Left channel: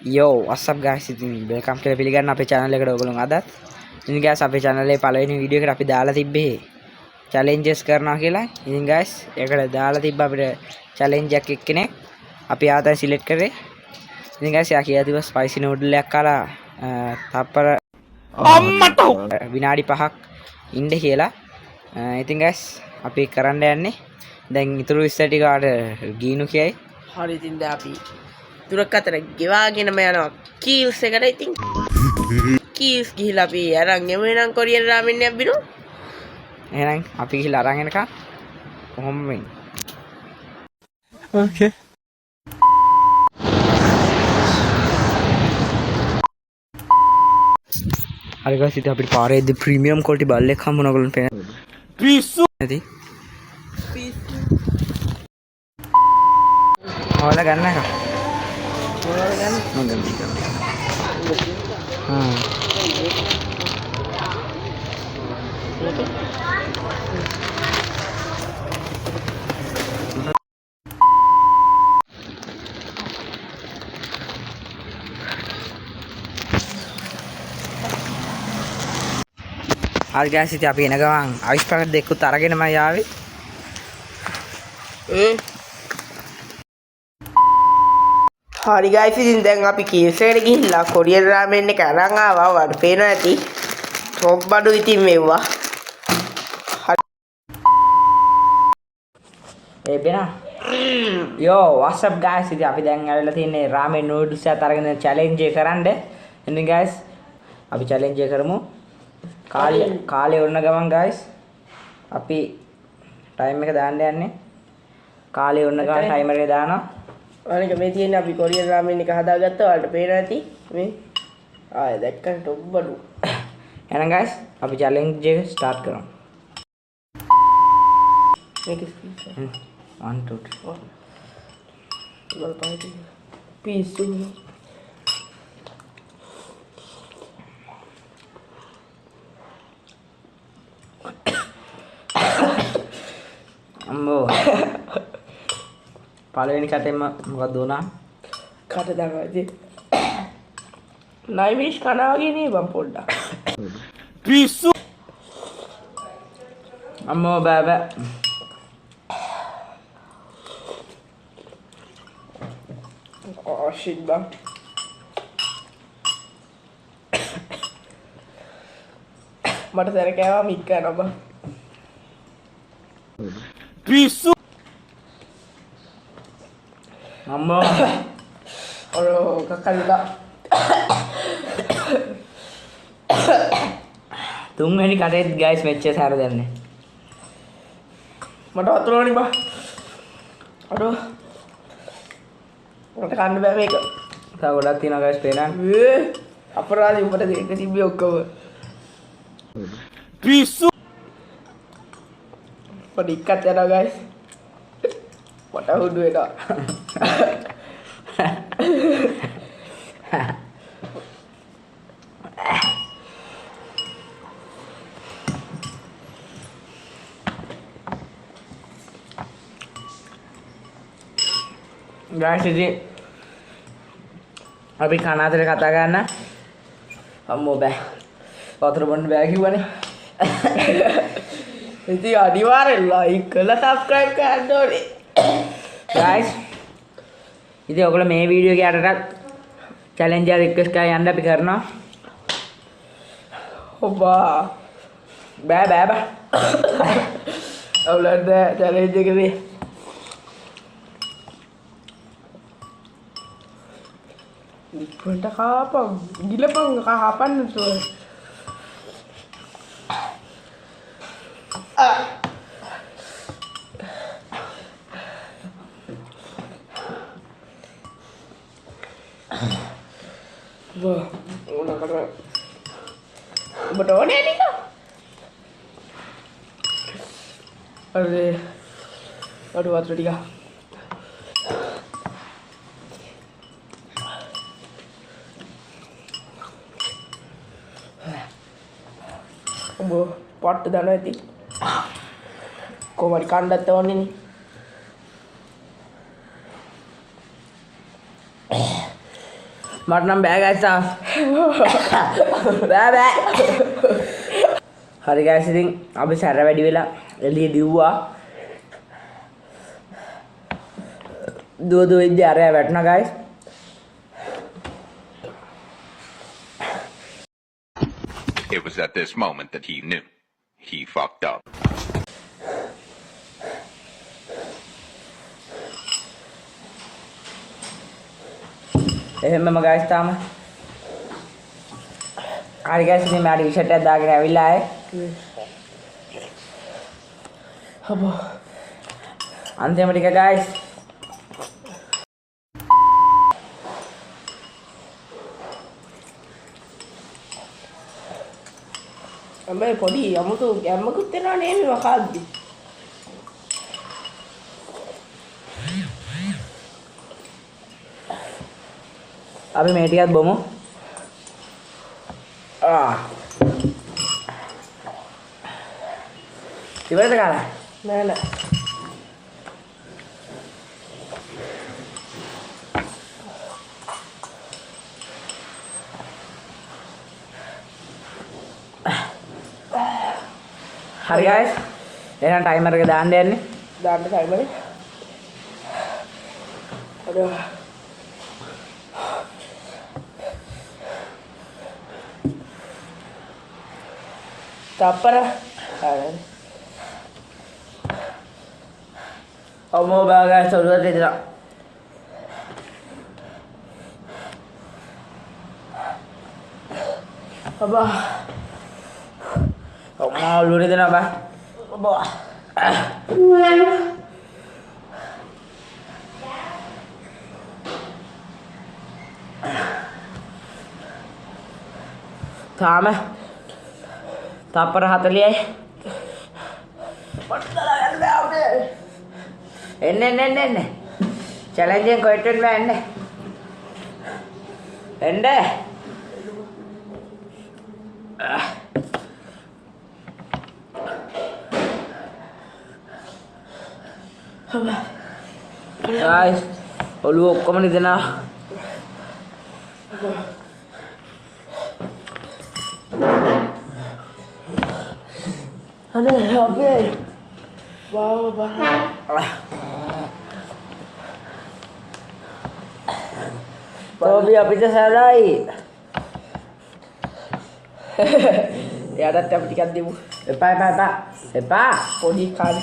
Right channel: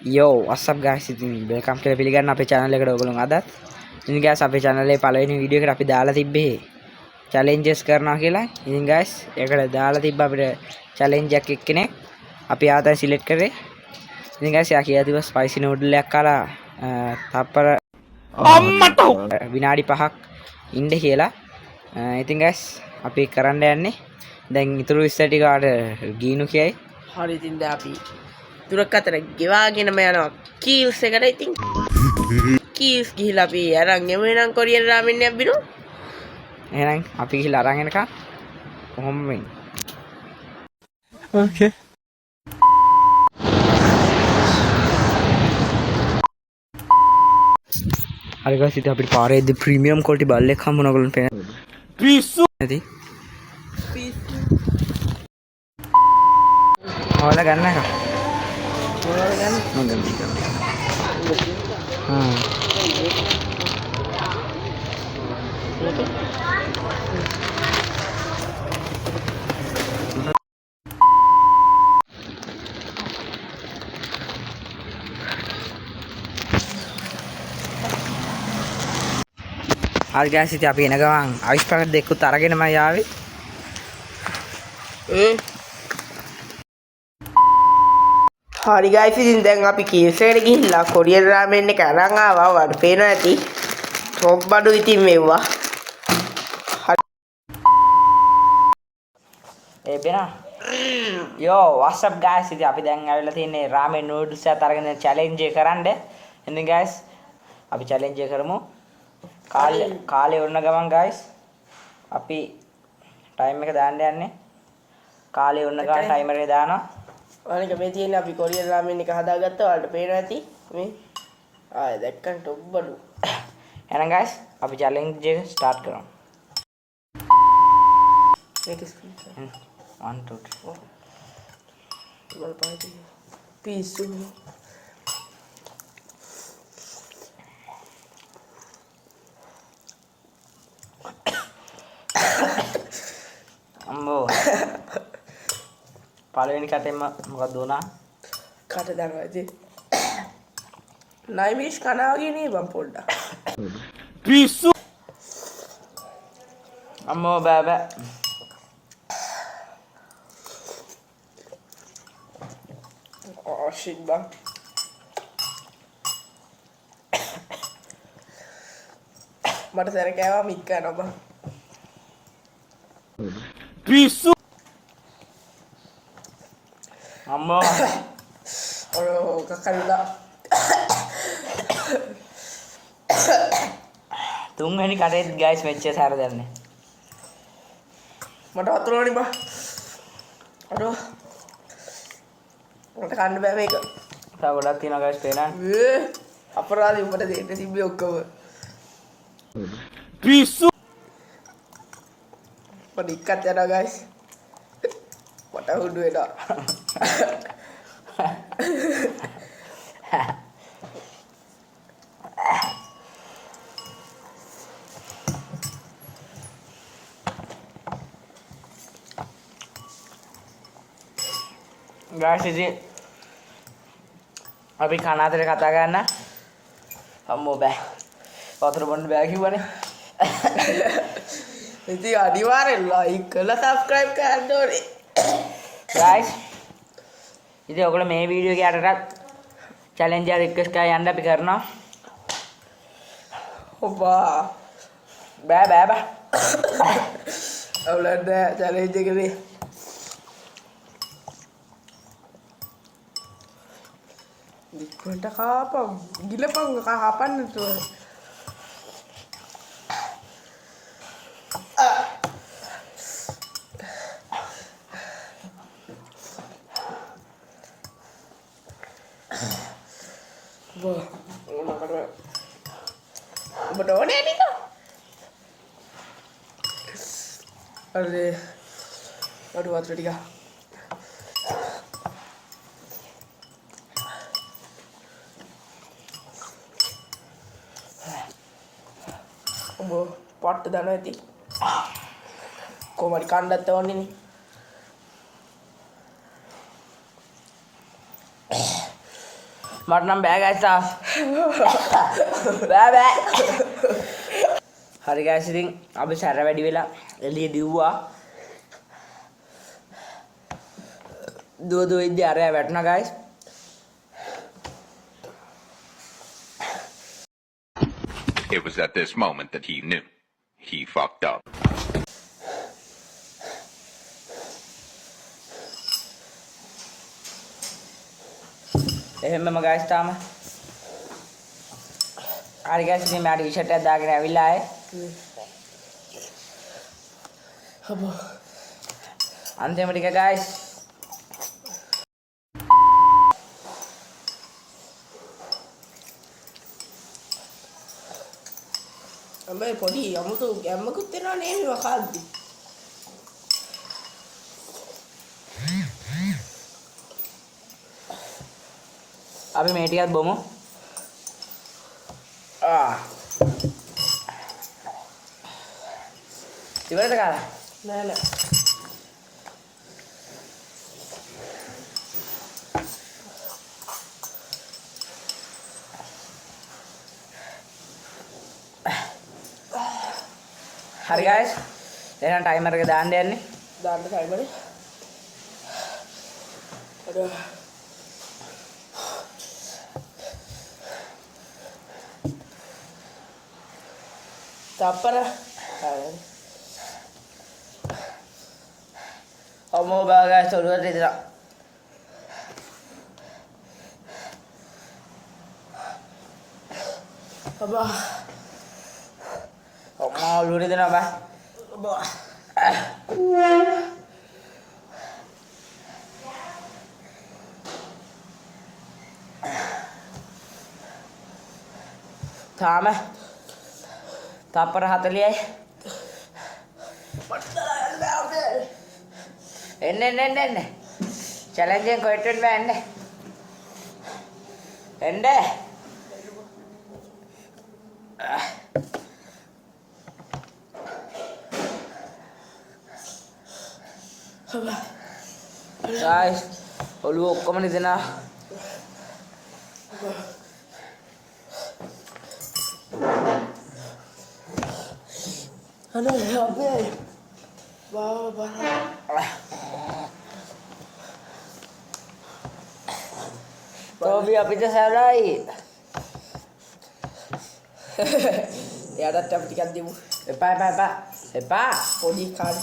Yo, what's up guys? ඉතින් welcome කියලා පිළිගන්න අපේ channel එකට ඔයගොල්ලෝ අදත්. ඉතින් guys අපේ channel එකේ පළවෙනි වීඩියෝ එකට අපි දාලා තිබ්බේ challenges කරනවා කියලා. ඉතින් guys ඒකට දාලා තිබ්බ අපිට challenge එකක් එක්කෙනෙක් අපි ආතයි select කරේ. ඉතින් guys යා කියලා තිබ්බා spicy noodle එකක් කාලා තප්පර අම්මට විනාඩි 5ක් ඉන්න කියලා. ඉතින් guys අපි කරන්න යන්නේ දැන් ඉතුරු විස්තර ටික ආට ගීනු කියයි. හරි ඉතින් දැන් අපි තුරක් අතර ගෙවාගෙනම යනවා කීල්ස් එකට. ඉතින් කීල්ස් ගිහිල්ලා අපි අරන් යමු එනම් කොරියන් රාමෙන් එකක් බිනු. එහෙනම් අපි ගිහිල්ලා අරන් එනකම් කොහොම වෙන්නේ? Okay. හරි guys ඉතින් අපිට පාරේදී ප්‍රීමියම් ක්වොලිටි බල්ලෙක් හම්බුණා ඔයගොල්ලන් පේන. පිස්සු නැති. ඔයාලා ගන්න එක. ඔයාලා ගන්න. මම ගන්න. හරි guys ඉතින් අපි එන ගමන් අයිස් පැකට් දෙකකුත් අරගෙනමයි ආවේ. හරි ගයිස් ඉතින් දැන් අපි කීල්ස් එකට ගිහිල්ලා කොරියන් රාමෙන් එක අරන් ආවා. ඔයාලට පේනවා ඇති. ටොප් බඩු ඉතින් මෙව්වා. ඒ බෙනා. Yo, what's up guys? ඉතින් අපි දැන් ආවෙලා තින්නේ ramen noodles එකත් අරගෙන challenge එක කරන්න. ඉතින් guys අපි challenge එක කරමු. කාලේ වුණ ගමන් guys අපි time එක දාන්න යන්නේ. කාලේ වුණ ගමන් timer එක දානවා. අනික මේ තියෙන අපි කොරියන් රාමෙන් එක හදාගත්තා. ඔයාලට පේනවා ඇති. මේ දැක්කම ටොප් බඩු. එහෙනම් guys අපි challenge එක start කරමු. මේක ස්පීඩ් 1 2 3 වල පාටි පිස්සු. අම්මෝ පළවෙනි කටෙන්ම මොකද වුණා? කට දාගා ඉතින් නයිමිෂ් කනවා වගේ නේ බම් පොඩ්ඩක්. පිස්සු අම්මෝ බෑ බෑ. shit bang. මට සැර කෑවා මික් කරනවා බං. පිස්සු අම්මෝ අර කකල්ලා තුන්වෙනි කටේ guys මෙච්ච සැර දෙන්නේ. මට වතුරවනි බං. අඩෝ මට කන්න බෑ මේක. තව ගොඩක් තියෙනවා guys පේනවා. අපරාධي උඹට දෙන්න තිබ්බේ ඔක්කොම. පිස්සු පොඩි ඉක්කත් යනවා guys. මට හුඩු වෙනවා. guys ඉතින් අපි කන අතර කතා ගන්න. අම්මෝ බෑ. වතුර බොන්න බෑ කිව්වනේ. ඉතින් අනිවාර්යෙන් like කරලා subscribe කරන්න ඕනේ. guys ඉතින් ඔයගොල්ලෝ මේ වීඩියෝ එකේ අරකට challenge එක request කරලා යන්න අපි කරනවා. ඔබා බෑ බෑ බෑ. අවුලක් නෑ challenge එකනේ. පොට කාපම් ගිලපං කහපන්න තෝ. Wah, udah karena betul nih nih kok. Aduh, water tiga. පට්ට දානවා ඇති. කොහමද කණ්ඩත් ඕනේ නේ. මට නම් බෑ ගයිස් බෑ බෑ. හරි ගයිස් ඉතින් අපි සැර වැඩි වෙලා එළිය දිව්වා. දුව ඉද්දි අරයා වැටුණා guys. It was at this moment that he knew. He fucked up. එහෙමම ගයිස් තාම හරි ගයිස් ඉතින් මම ටී-ෂර්ට් එකක් දාගෙන ඇවිල්ලා ආයේ අබෝ අන්තිම ටික ගයිස් අම්මේ පොඩි අමුතු ගැම්මකුත් වෙනවා නේද වකාද්දි අපි මේ ටිකත් බොමු. ඉවරද කාලා? නෑ නෑ හරි ගයිස් එහෙනම් ටයිමර් එක දාන්න යන්නේ. දාන්න ටයිමර් අර තප්පර අම්මෝ බෑ ගයිස් ඔළුවට ඉදලා. අබා අම්මා ඔළුවට ඉදලා බෑ. අබා තාම තප්පර 40යි. මට දලා ගන්න බෑ අපේ එන්න චැලෙන්ජ් එකෙන් කොහෙටද එන්න ගයිස් ඔළුව ඔක්කොම නිදනවා. අනේ අපේ බා තෝබි අපිට සරයි. එයාටත් අපි ටිකක් දෙමු එපා පොඩි කන්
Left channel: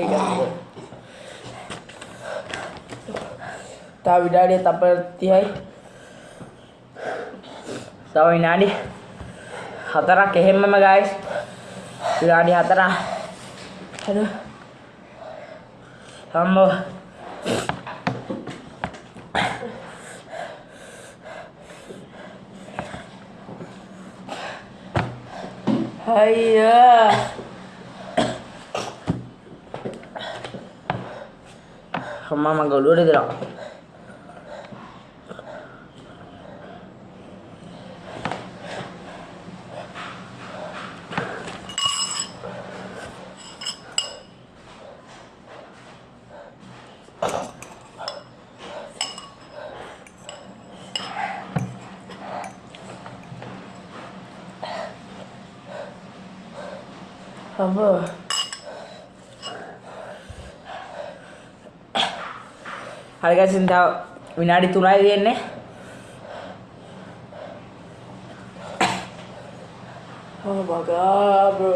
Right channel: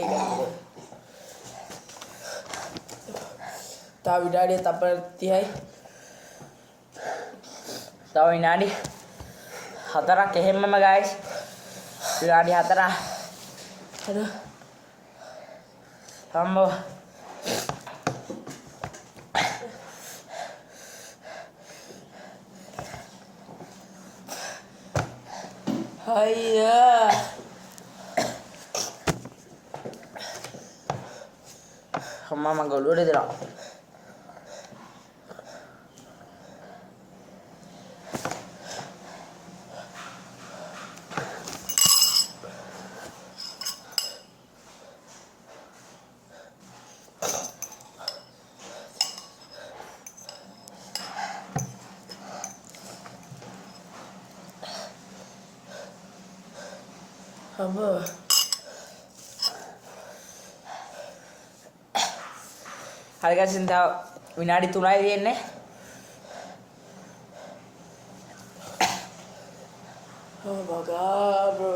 ඒක තා විඩාඩිය තප්පර 30යි තව විනාඩි 4ක් එහෙමම ගයිස්. විනාඩි 4ක්. හරි අම්මෝ අයියා අම්මා මගේ ඔළුවට ඉදලා. අම්මා හරි ගයිස් ඉතින් තව විනාඩි 3යි තියෙන්නේ. oh my god bro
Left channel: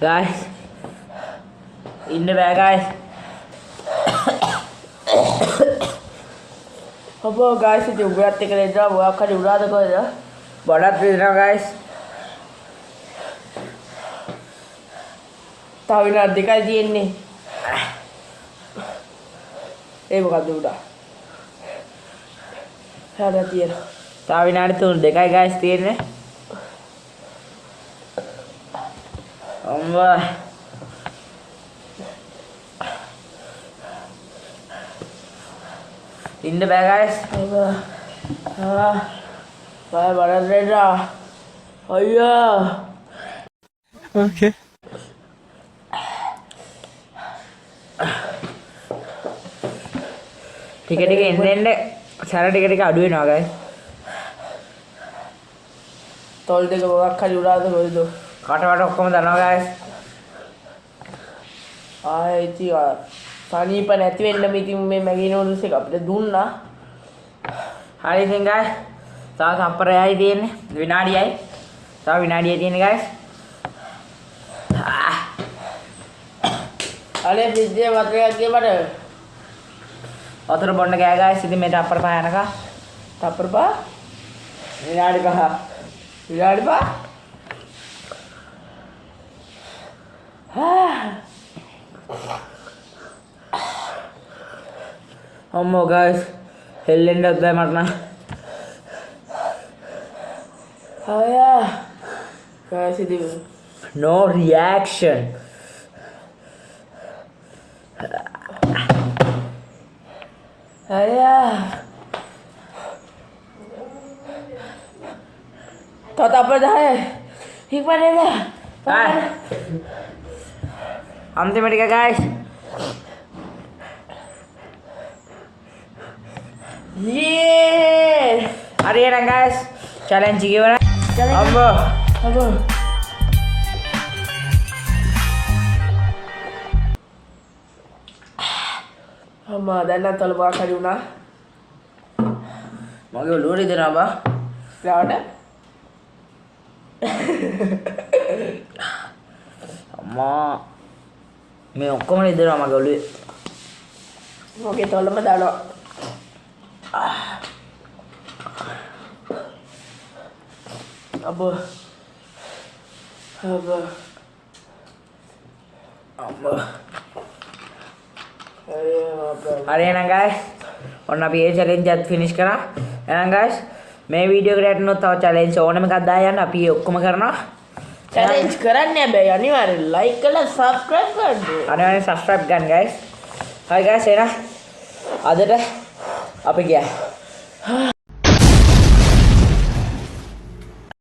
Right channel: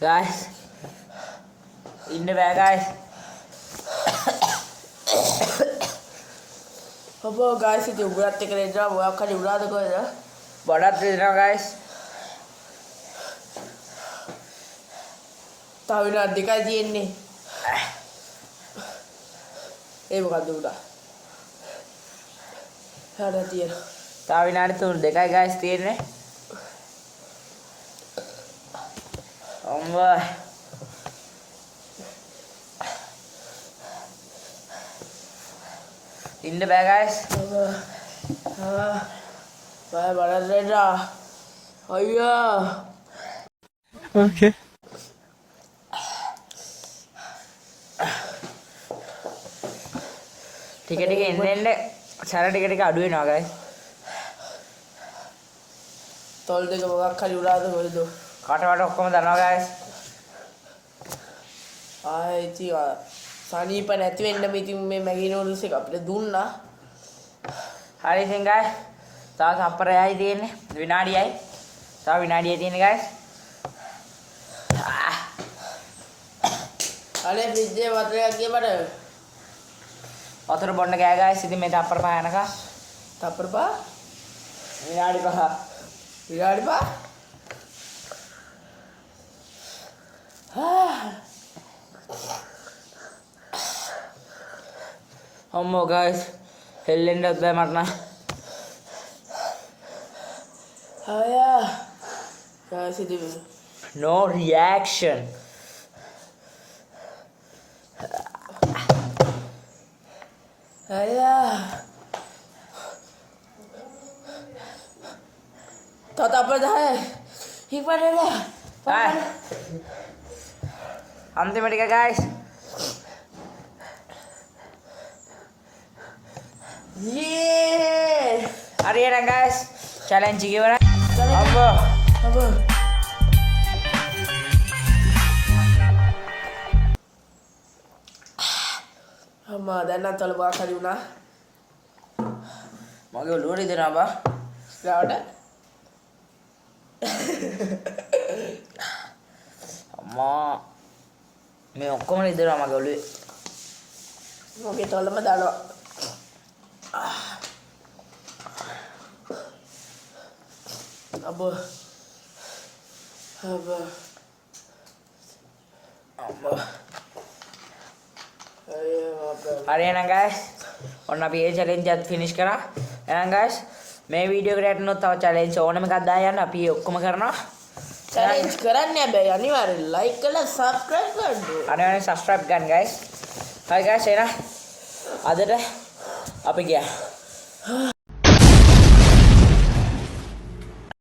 guys ඉන්න බෑ ගයිස්. අබෝ ගයිස් ඉතින් උගරත් එක නේදා මොකක් හරි උරාද කොහෙද බඩත් රිදෙනවා ගයිස්. තව විනාඩි දෙකයි තියෙන්නේ ඒ මොකද්ද උඩා හැඩ තියෙනවා තව විනාඩි 2යි ගයිස් තියෙන්නේ. අම්මා ඉන්න බෑ ගයිස්. බය බඩ රෙඩා අයියා Okay. ටික ටික එන්න සැර ටික ටික අඩු වෙනවා guys. තොල් දෙක මොකක් හරි උඩාද කොයිද කටවට ඔක්කොම දනවා guys. ආයේ ඉතින් සනීප නැති වෙන්න ඉතින් මේ මැගී නූඩල්ස් එක අපිට දුන්නා හරි ඉතින් guys. තව සම්ප්‍රයයි තියෙන්නේ විනාඩියයි. තව විනාඩියයි තියෙන්නේ guys. අනේ ෆ්‍රිජ් එකේ වතුර එකක් ගියපට වතුර බොන්න ගෑ guys. ඉතින් මේ තප්පර පහ යනකම් තප්පර පහ විනාඩි 5. විනාඩි පහ අම්මෝ guys හෙල්ලෙන්නත් බෑ මට නම්. අයියා guys ඉතින් no reaction. අයියා තප්පර 10 ඉක්මනට එන්න අන්තිම ටික guys. යේ හරි එහෙනම් guys challenge එක ඉවරයි. අම්මා අම්මා දැන් නම් තොල මොකක් හරි වුණා මගේ ඔළුව රිදෙනවා බා. ස්ලාවට අම්මා මේ ඔක්කොම රිදෙනවා මගේ ඔළුවේ. මොකේ තොලම දානවා අබෝ අබෝ අම්මා අයියා අප්පා හරි එහෙනම් guys ඔන්න අපි ඒ challenge එකත් finish කරා. එහෙනම් guys මේ වීඩියෝ එකට යටනොත් තව challenge ඕනම එකක් දායන්න අපි ඒ ඔක්කොම කරනවා. challenge කරන්න හැබැයි අනිවාර්යෙන් like කරලා subscribe කරන්න. අනිවාර්යෙන් subscribe ගන්න guys. හරි guys එහෙනම් අදට අපි ගියා.